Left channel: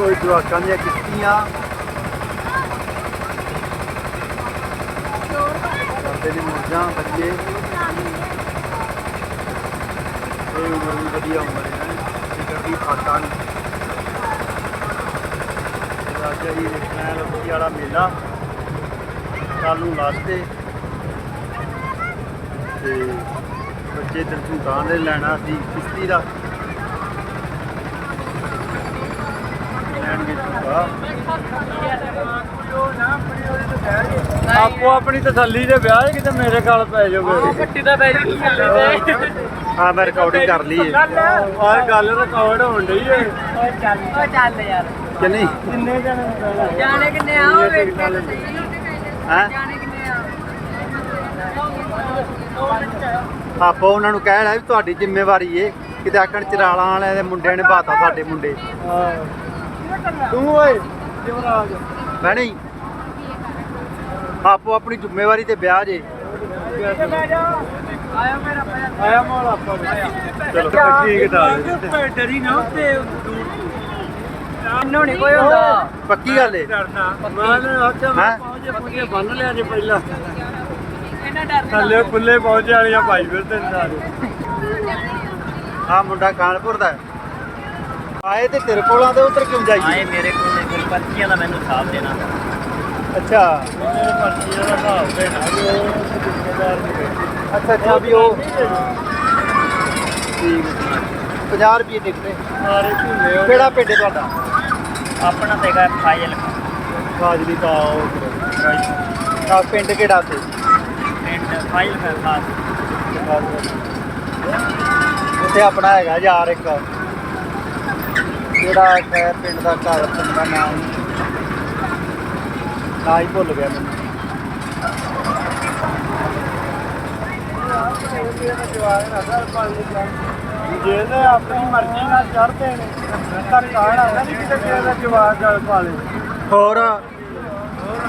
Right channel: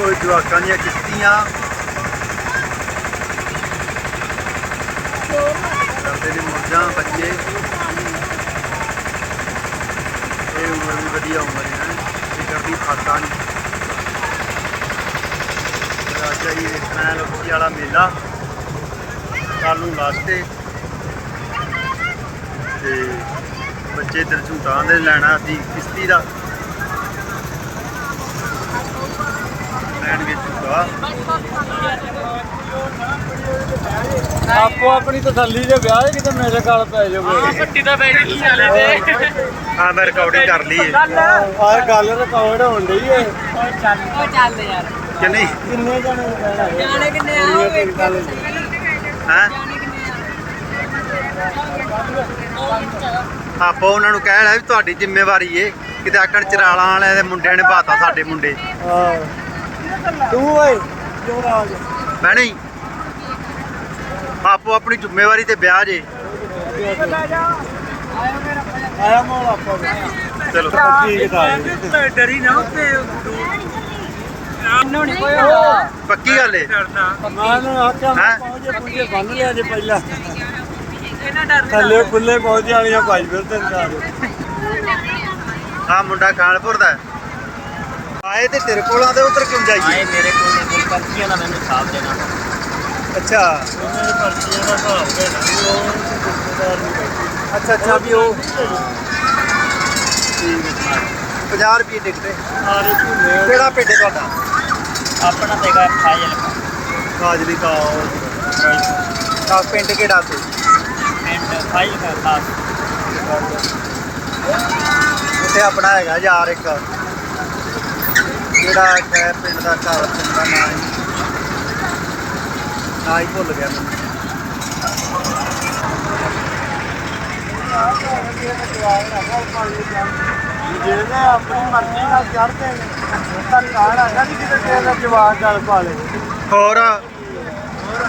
ਉਹ ਜਵਾਕਾਂ ਦੀਆਂ ਕਿਸ਼ਤੀਆਂ ਕਰਦੇ ਨੇ ਮੁਰਜਾਂ ਬੱਚੇ। ਇਹ ਉਮਰ ਵੀ ਵਧੀਆ ਉਮਰ ਹੈ, ਫਿਕਰ ਦੀ ਫਾਕਾ ਨਹੀਂ। ਰਾਜਾ ਜੀ ਦੇਖਣਾ ਹੈ ਲੋਕੀ ਵਾਲਾ ਮੇਲਾ ਕੱਲ ਨੂੰ ਲਾਸਟ ਤੇ ਬੱਚੇ ਇੱਧਰ ਝੂਟਾਂ ਦੇ ਲੈਣਾ ਸੀ ਕਿਸ਼ਤੀ ਦਾ ਲੈਣਗੇ ਝੂਟਾ ਆਪੋ ਆਪਣੀ ਤਸੱਲੀ ਦੇ ਵਿਆਹ ਹੈ ਕਿਤੇ ਮੇਰੇ ਗੱਲ ਪੈ ਜਾਵੇ। ਪੱਟੀ ਦਾ ਬੈਠ ਕੀ ਹਾਲੇ ਤੇ। ਹਾਂ ਮੈਂ ਰਿਕਾਰਡਿੰਗ ਕਰ ਲਈ ਹੈ ਆਹ ਗੱਲ ਰਿਕਾਰਡ ਹੋਣ ਡਈ ਏ। ਉਹ ਚੱਲ। ਉਹ ਚੱਲ ਯਾਰ। ਕਿ ਨਹੀਂ? ਕਿੰਨੇ ਜਣੇ ਜਾਣੇ? ਕਿੰਨੇ ਆ? ਉਹ ਵੇਖ ਕੇ ਹਾਂ? ਜਾਣੇ ਕਿੰਨੇ ਆ? ਆਪਾਂ ਉਹਨਾਂ ਨੂੰ ਕਹਿ ਲਿਆ ਵੀ ਤੁਹਾਡੀ ਜ਼ਿੰਮੇਵਾਰੀ ਏ। ਕਿਤੇ ਆਕਣ ਚਰਾਲਾਂ ਵਾਲਿਆਂ ਦੇ ਮੁੰਡਿਆਂ ਨੇ ਬਾਤਾ ਸਾਡੇ ਮੁੰਡੇ। ਹਾਂ। ਤੂੰ ਓਏ ਯੁਵਰਾਜ ਮੈਂ ਨਹੀਂ। ਆਪੋ ਆਪਣੀ ਜ਼ਿੰਮੇਵਾਰੀ ਤੇ ਵਿਆਹ ਜੇ। ਆਇਆ ਮੋੜ ਆਪਾਂ ਚਲੋ। ਠੀਕ ਠਾਕ ਡਰੀ ਨਾ ਉੱਤੇ। ਇੰਨੋਂ ਨਹੀਂ ਕੋਈ ਹੁੰਦਾ। ਪੱਕੀ ਗੱਲ ਏ। ਮੈਂ ਨੇ ਆਖਿਆ ਹੈਂ? ਪਹੁੰਚੇ ਪਹੁੰਚੇ ਬੰਨ ਲਿਆ ਜੇ ਪਹਿਲਾਂ। ਥੱਲੇ ਖੁੱਲੇ ਪਹੁੰਚੇ ਵਾਲੀਆਂ ਭਾਈ ਨੇ ਸਾਰੇ ਆ ਮੁੰਡਾ ਕਾਨਪੁਰ ਦਾ ਹੈ। ਆਏ ਤੇ ਤੇਰੇ ਕੋਲਾਂ ਦੇ ਉਧਰ ਕਿਉਂ ਜਾਈਏ? ਮੇਰੇ ਕੋਲ ਨੇ ਕੋਲ ਪਰਚੀਆਂ ਦਾ ਮੈਨੂੰ ਹਿਸਾਬ ਦੇਣਾ ਅੱਛਾ। ਮੇਰੇ ਪਰਚੀਆਂ ਦਾ ਹਿਸਾਬ ਦੇਣਾ ਉਹ ਜ਼ਿੰਮੇਦਾਰ ਨਹੀਂ ਬੈਠੇ ਅੱਛਾ ਅੱਛਾ ਵੀ ਉਹ 50 ਰੁਪਏ ਟਿਕਟ ਸਾਰੇ ਝੂਲੇ ਉਹ- ਕਿਹੜਾ ਪਿੰਡ ਹੈ ਤੁਹਾਡਾ? ਆਪਣਾ ਤੇ ਹੈਗਾ ਫਾਇਲ ਫਾਜ਼ਲੀ ਦਾ ਫਿਰੋਜ਼ਪੁਰ ਆ ਪਿੰਡ ਕਿਹੜਾ ਤੇ ਐਂਡ ਫਾਇਲ ਦਾ ਖਾਸ। ਉੱਥੇ ਆਪਣਾ ਹੈਗਾ ਯਾਰ ਇੱਕ। ਜਿਹੜਾ ਹੈ ਪਿੰਡ ਦਾ ਘਰ ਪਿੰਡ ਦਾ ਨਾਂ ਹੀ। ਨਾਂ ਹੀ ਭੁੱਲ ਗਿਆ ਮੈਨੂੰ। ਜਿਹਨੇ ਆਪਣੀ ਮਰਜ਼ੀ ਨਾਲ ਚੜਦੇ ਨੇ ਤਾਂ ਕਾਹੜਾ ਨਾ ਕਿ ਕਿਸੇ ਦਾ ਜਵਾਬ ਗੱਲ ਪਾ ਲੇ ਹੋਰ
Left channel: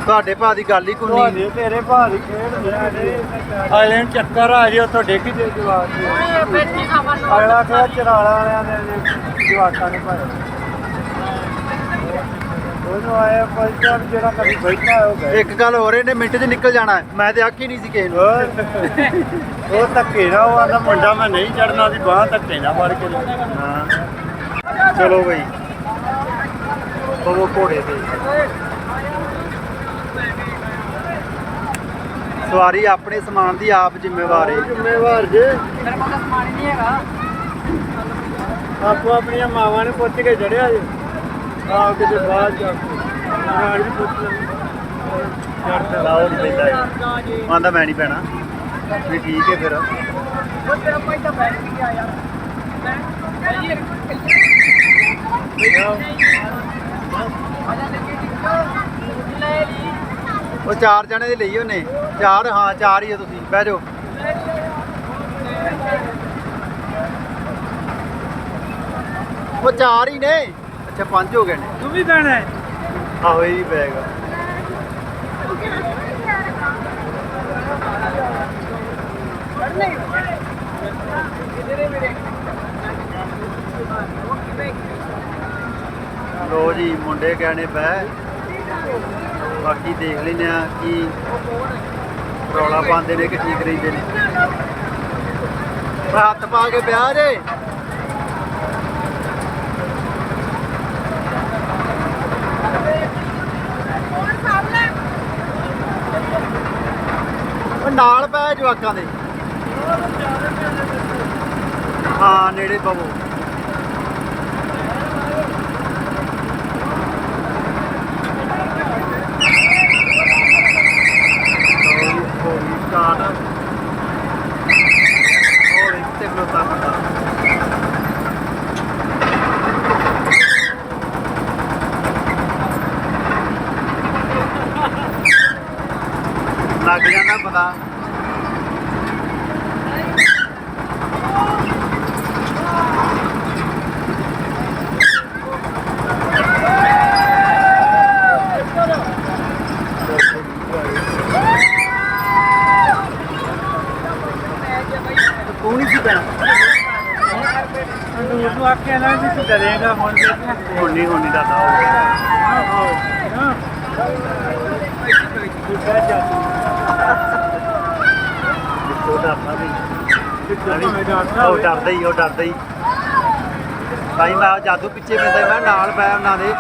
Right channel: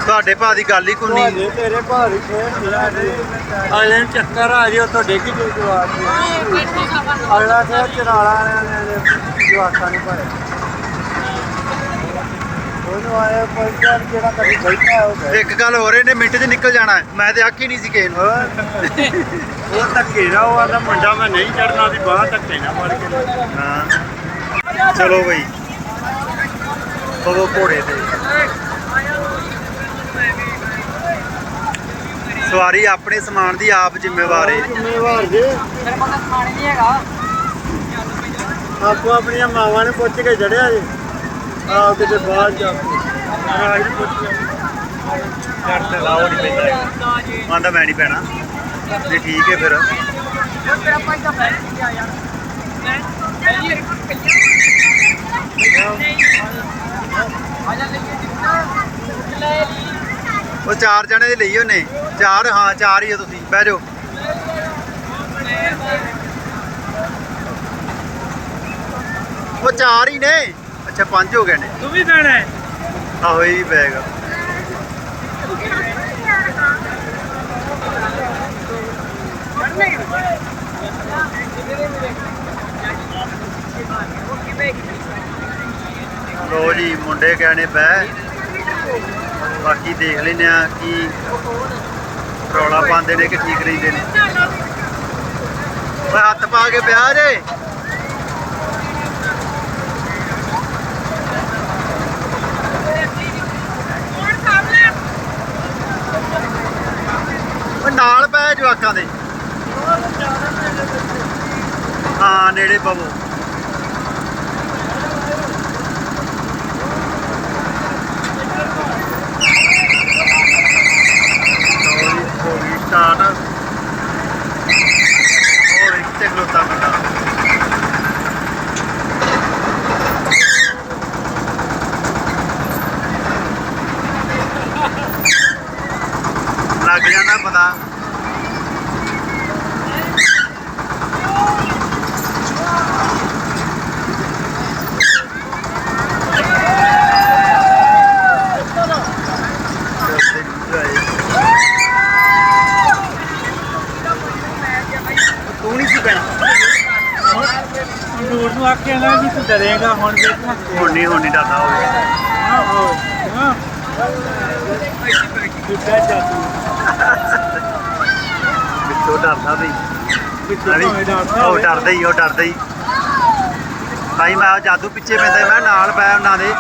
ਤੁਹਾਡੇ ਭਾ ਦੀ ਗੱਲ ਹੀ ਕੋਈ ਨਹੀਂ। ਤੇਰੇ ਭਾਰੀ ਖੇਡ ਨੂੰ ਚੱਕਰ ਆ ਜੇ ਉੱਥੋਂ ਡਿੱਗ ਜੇ ਜਵਾਬ ਅਗਲਾ ਕਿਹਾ ਚਰਾਲਾ ਵਾਲਿਆਂ ਨੇ ਜਵਾਕਾਂ ਨੇ ਭਰ ਉਹਨੂੰ ਆਇਆ ਪੰਚਾਰ ਜਿਹੜਾ ਕਦੀ ਬੈਠਾ ਹੈ ਉਹ ਬੈਠ। ਇੱਕ ਗੱਲ ਹੋਰ ਇਹਨੇ ਮਿੰਟ 'ਚ ਨਿਕਲ ਜਾਣਾ ਹੈ। ਮੈਂ ਤੇ ਆਖੀ ਨਹੀਂ ਸੀ ਕਿਸੇ ਨੂੰ। ਹੋਰ। ਉਹ ਧੱਕੇ ਨਾ ਉਹ ਆਂਦਾ ਮੁੰਡਾ ਮੈਂ ਨਹੀਂ ਚੜਨਾ ਉਹਦੀ ਬਾਹ ਧੱਕੇ ਨਾ ਫੜ ਕੇ। ਲੈ ਹਾਂ। ਚਲੋ ਬਈ। ਬਵੋ ਘੋੜੇ ਤੇ। ਸਵਾਰੀ ਆਪਣੇ ਸਮਾਨ ਦੀ ਆਪ ਜ਼ਿੰਮੇਵਾਰ ਏ। ਜ਼ਿੰਮੇਵਾਰ ਜੇ। ਮੇਰੇ ਕੋਲ ਤਾਂ ਸਮਾਨ ਹੀ ਨਹੀਂ ਹੈਗਾ। ਆਪੋ ਆਪਣੀਆਂ ਮਾਵਾਂ ਨੇ ਪੁੱਛ ਕੇ ਜੜਿਆ ਜੇ। ਆਪ ਕਿਤੇ ਬਾਹਰ ਜਾ ਕੇ। ਮੈਂ ਲਾਓ ਨਹੀਂ ਪੈਂਦਾ ਆਂਦਾ ਮੈਂ ਨਹੀਂ ਪੈਣਾ ਨਹੀਂ ਠੀਕ ਹੈ ਫਿਰ ਉਹ ਚਾਰ ਜਣੇ ਦੇ ਲਈ ਉਹਨੇ। ਚਾਰ ਹਾਂ ਚਾਰ ਹੀ ਹੋ ਤੁਸੀਂ। ਬਹਿ ਜਾਓ। ਉਹ ਚਾਰ ਹੀ ਨੇ। ਅੱਛਾ ਪੰਜ ਹੋ ਗਏ ਨੇ। ਤੂੰ ਵੀ ਬਹਿਣਾ ਹੈ। ਆਹੋ ਇਹ ਬੈਗ ਲੋ ਜੀ ਮੁੰਡੇ ਕਹਿਣੇ ਬਹਿ। ਬਾਕੀ ਦੇਖ ਲੈਨੇ ਆ ਕੀ ਰੌਲਾ ਪਾਉਂਦੇ ਨੇ ਕਿ ਠੀਕ ਰਹਿੰਦੇ ਨੇ। ਓਏ ਹੱਥ ਪਾ ਕੇ ਵਿਆਹ ਜੇ। ਉਹ ਨਾਲ ਪੈ ਜਵਾਕਾਂ ਦੇ। ਹਾਂ, ਨੇੜੇ ਪਵੋ ਲਓ ਜੀ, ਹੋ ਗਈ ਸਟਾਰਟ ਹੋਰ ਇੱਕ ਤੇ ਖਲੋਤਾ ਮੁੰਡਾ ਲੱਗ ਜਾਂਦਾ ਪਤਾ। ਤੂੰ ਨਹੀਂ ਸੀ ਪੈਣਾ। ਦੂਰ ਨੂੰ ਆਖਿਆ ਨਾ ਵੀ ਤੂੰ ਡਰੇਗਾ ਹੁਣ ਦੇਖਣਾ ਹੁਣ ਨਹੀਂ ਹੁਣ ਨਹੀਂ ਡਰਦਾ ਹੋ ਗਿਆ ਹਾਂ। ਤੂੰ ਜਾ ਤੂੰ। ਵਿੱਚੋਂ ਡਰਦਾ ਵੀ ਉਹ। ਡਰਦਾ ਹੀ ਉਹ ਡਰਦਾ ਹੀ। ਭਾਈ ਮੈਂ ਜਾਦੂ ਪਿੱਛੇ ਪੈਂਦਾ ਮੈਂ ਨਾਲ ਪੈ ਉਹਨਾਂ ਦੇ।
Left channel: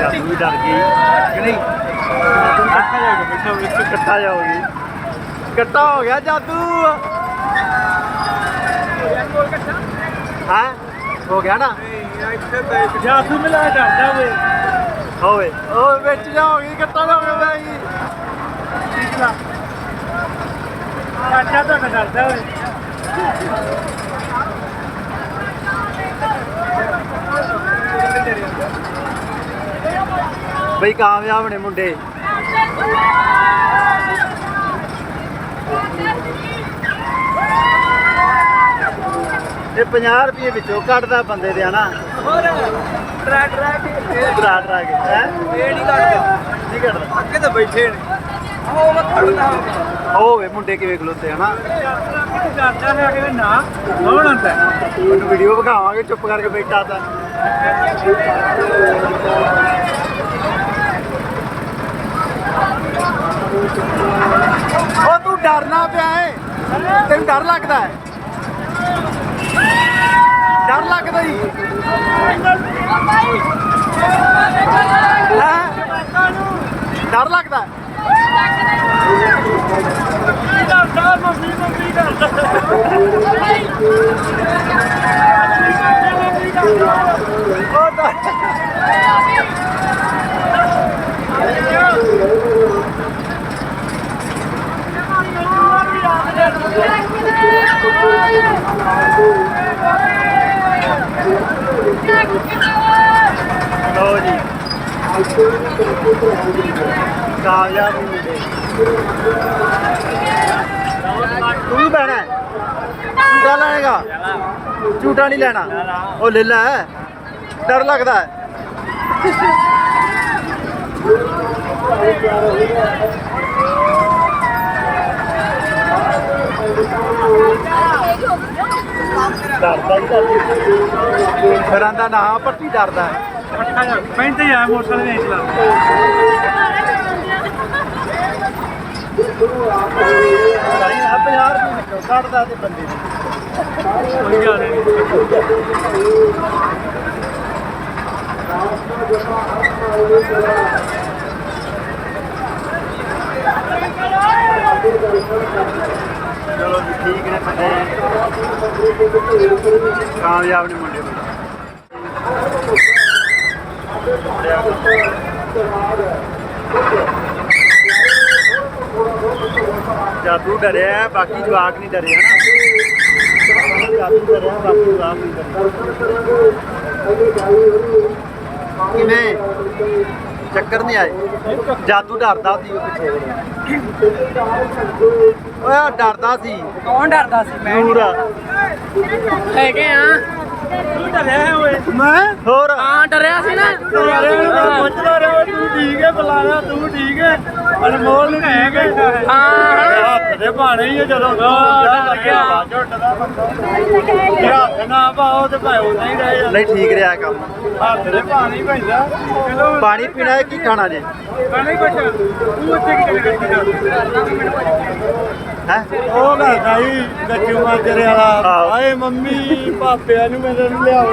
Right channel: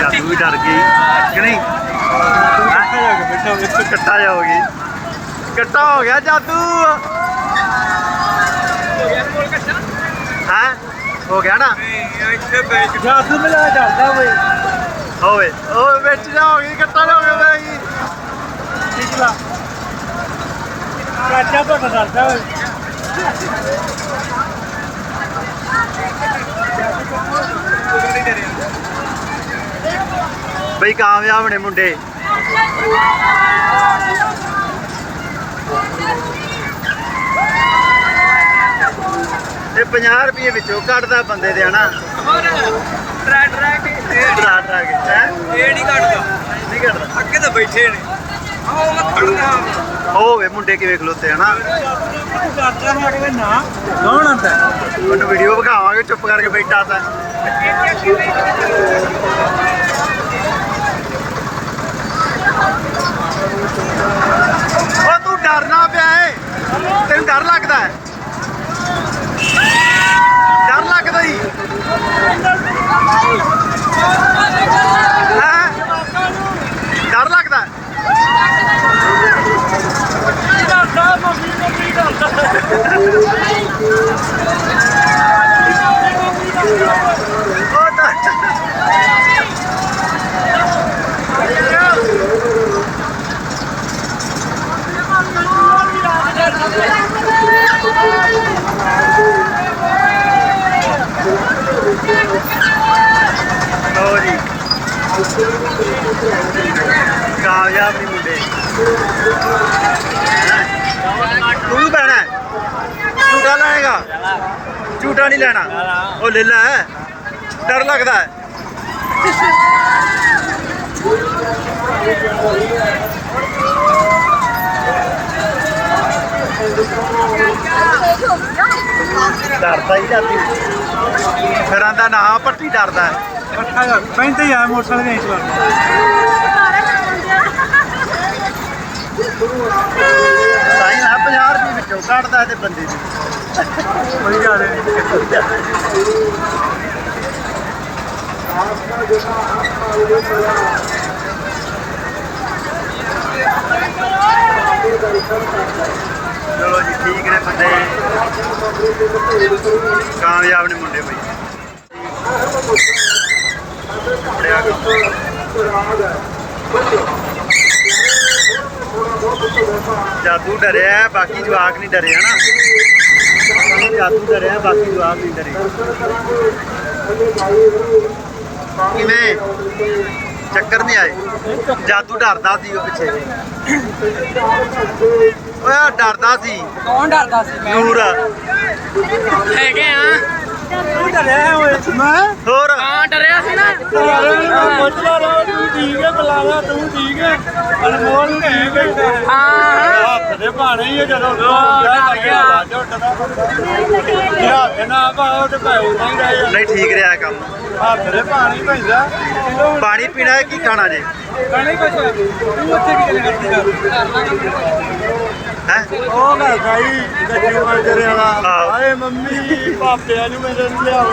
ਜਾਦੂ ਵੀ ਡਰ ਗਈ। ਕਿ ਨਹੀਂ? ਇਕੱਠਾ ਹੋ ਗਈ। ਇਕੱਠਾ ਹੋ ਗਿਆ ਜਾਦੂ। ਹਾਂ? ਹੋ ਗਿਆ ਨਾ? ਇੱਥੇ ਬੈਠ ਜਾ ਤੂੰ ਮਿਲਾ ਡਰਦਾ ਹੋਵੇ। ਹੋਵੇ। ਉਹ ਵਿੱਚ ਜਾ ਹੋ ਗਈ ਇਕੱਠਾ ਜਾ ਹੋ ਗਿਆ ਬੈ ਗਈ। ਠੀਕ ਲਾ ਚਾਚਾ ਤਾਂ ਡਰਦਾ ਹੋਵੇ ਬਈ ਕਾਮਯਾਬ ਨੇ ਮੁੰਡੇ। ਇਹ 50 ਰੁਪਏ ਵਿੱਚੋਂ ਕੱਢਦਾ ਬੰਦੇ ਦੇ ਹਨਾ? ਟਰੈ ਟਰੈ ਕੇ। ਡਰਾ ਡਰਾ ਕੇ ਹੈ? ਇਹ ਨਹੀਂ ਕੱਢਦਾ। ਨਹੀਂ ਕੱਢਦਾ। ਅੱਗੇ ਤਾਂ ਬੈਠੇ ਨੇ। ਹੋਵੇ ਮੁੰਡੇ ਕਿਵੇਂ ਖਲੋਤੇ ਹਨਾ? ਡਰਦਾ ਹੈ ਕਿ ਨਾ ਕੌਣ ਹੁੰਦਾ ਉਹਨੂੰ ਵੀਡੀਓ ਵਿਖਾਵਾਂਗੇ, ਚੁੱਪ ਕਰਕੇ ਬੈਠਾ ਤਾਂ। ਉਹ ਤੂੰ ਡਰਨਾ ਪਿਆ ਏ। ਤੈਨੂੰ ਡਰ ਲੱਗਦਾ ਹੈ ਡਰ ਲੱਗਦਾ ਹੈ? ਉਹ ਡਰ ਲੋ ਜੀ ਕਾਮਯਾਬ ਨਹੀਂ ਮੁੰਡੇ। ਤੂੰ ਵੀ ਬਹਿਣਾ ਹੈ? ਝੂਟਾ ਲੈਣਾ ਝੂਟਾ ਨਹੀਂ ਲੈਣਾ। ਉਹ ਲੈ ਲੈ। ਡਰ ਲੱਗਦਾ ਹੈ। ਡਰਦਾ ਹੀ ਜਾਂਦੀ ਫਿਰ ਆਂਦਾ ਨਾ ਪੱਟੀ ਡਰਦਾ ਹੈ। ਜਾ ਪੈਂਤੇ ਜਾ ਮੋਟਰਸਾਈਕਲ ਨਹੀਂ ਚਲਾਉਂਦਾ ਸਾਈਂ ਆ 50 ਰੁਪਏ ਵਿੱਚੋਂ ਕੱਢਦਾ ਤੇ ਬੰਦੇ ਦੀ। ਕੋਈ ਗੱਲ ਨਹੀਂ। ਚਲੋ ਜੀ ਠੀਕ ਨੇ ਬੰਦੇ। ਕਾਮਯਾਬ ਨੇ ਮੁੰਡੇ ਬਈ। ਜਾਦੂ ਡਰਿਆ ਬਾਕੀ ਜਵਾਕ ਨਹੀਂ ਡਰੇ ਹਨਾ? ਜਾਦੂ ਡਰਿਆ ਬਾਕੀ ਜਵਾਕ ਨਹੀਂ ਡਰੇ। ਕਿਵੇਂ? ਚੱਕਰ ਨਹੀਂ ਆਏ? ਜਾਦੂ ਡਰਦਾ ਸੀ ਉਹ ਪਿੱਛੇ। ਓਏ ਡਰਦਾ ਸੀ। ਕੌਣ ਡਰਦਾ ਸੀ? ਮੈਂ ਨੂਰ। ਹੈਗੇ ਆ। ਕੀ ਕਰਿਆ ਓਏ। ਮੈਂ ਹੋਰ? ਹਾਂ ਡਰਿਆ ਸੀ ਨਾ ਸਾਰੇ ਨੂੰ ਪੁੱਛਦਾ ਰਿਹਾ ਤੂੰ ਠੀਕ ਹੈ ਬੁਲਾਣਾ ਤੂੰ ਠੀਕ ਹੈ? ਅਨਮੋਲ ਨੂੰ ਠੀਕ ਹੈ? ਹਾਂ। ਹੱਥ ਦੇ ਬਾਣੇ ਹੀ ਆ ਜਦੋਂ ਹੁੰਦਾ ਲੱਗਿਆ ਵਾ ਝੁੱਟਦਾ ਬੰਦਾ ਜੇ ਹੱਥ ਨਾ ਪਾਓ ਤੇ ਭਾਉ ਨਹੀਂ ਰਹਿ ਨਹੀਂ ਠੀਕ ਰਿਹਾ ਕੰਮ। ਹੱਥ ਦੇ ਪਾਣੀ ਪੈਂਦਾ। ਪਾਣੀ ਪੀਣਾ ਹੈ ਕੀ ਖਾਣਾ ਜੇ? ਨਹੀਂ ਕੁਛ ਤੂੰ ਉੱਥੇ ਕੀ ਕਰਦਾ ਕਰ ਲਾਂਗਾ ਮੈਨੂੰ ਹੈ? ਉਹ ਮੈਂ ਗਾਈ ਗੱਡੀ ਮਾਜਰੇ ਵਾਲਾ। ਆਹੋ। ਹਾਏ ਮੰਮੀ ਪਾਪਿਆਂ ਨੂੰ ਮੇਰੇ ਨੂੰ ਲਿਆਓ